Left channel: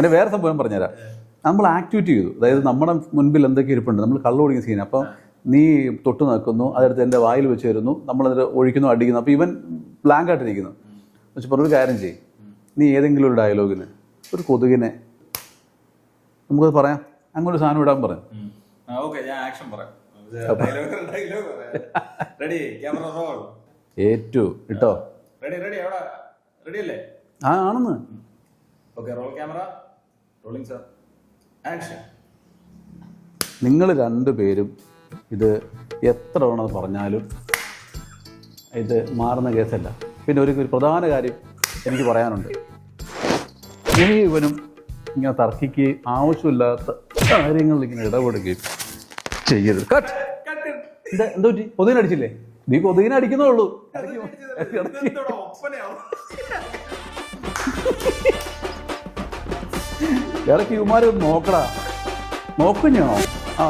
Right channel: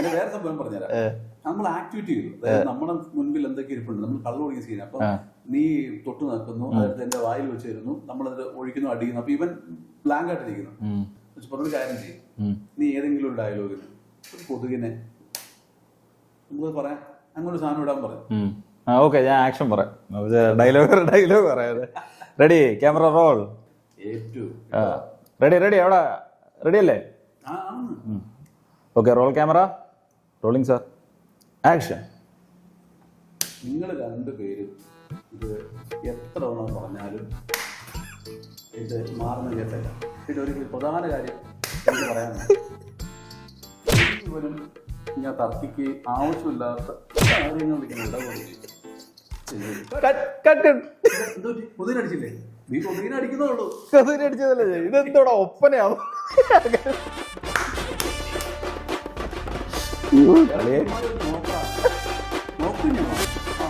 അതിന്റെ വേറെ സംഭവം പറഞ്ഞുതരാം. നമ്മൾ ആക്ടിവിറ്റി ചെയ്തു, അതായത് നമ്മുടെ മുൻപിൽ എന്തൊക്കെ ഇരിപ്പുണ്ട്, നമ്മൾ കള്ളു കുടിക്കുന്ന സീൻ. അപ്പൊ നീ തൊട്ട് നിൽക്കുന്നു, അതെടുത്ത് എന്റെ വായിൽ വെച്ച് തരുന്നു, നമ്മളത് ഒഴിക്കുന്നു, അടിക്കുന്നു. അപ്പൊ ഇവൻ ബ്ലാങ്ക് ആയിട്ടിരിക്കുന്നു. പക്ഷെ പറഞ്ഞൊരു കാര്യം ചെയ്യും, നീ ഏതെങ്കിലും ഒരു ഡയലോഗിന് ഒരു കൊതുകിനെ നമുക്കത് പറയാം, അങ്ങനെ ഒരു സാധനം ഇടാൻ പറയാം. ഓക്കെ, ഞാൻ ആക്ഷൻ പറയാം. ഡയലോഗ് പറയാം. Ready, camera roll. ഏറ്റു ഇട്ടോ. റെഡി അവിടെ റെഡി അല്ലേ? ആണെന്ന്. Okay, roll camera rolling sir, action. നിങ്ങൾ രണ്ടുപേരും ഇത് എത്ര തവണ പറഞ്ഞാലും ഇത് മാറുന്ന കേസല്ല. പിന്നെ ഒരു പ്രധാന കാര്യം എനിക്ക് പറയാനുണ്ട്. നീ ഇവനും ഇങ്ങനെ തർക്കിക്കുകയും ആവശ്യമില്ലാത്ത കാര്യങ്ങളിൽ ഇങ്ങനെ ഇടപെടുകയും ചെയ്യരുത്. എന്തോ കൊതുകിനടിച്ചില്ലേ? നീ കൊതുകിനടിക്കുന്നേ ഉള്ളൂ. കൊതുകിനടിച്ചതല്ലേ ഒപ്പനയാവും. ഇടയ്ക്ക് ഇവന്മാര് നോക്കടാ, നോക്കുന്നോ? ആ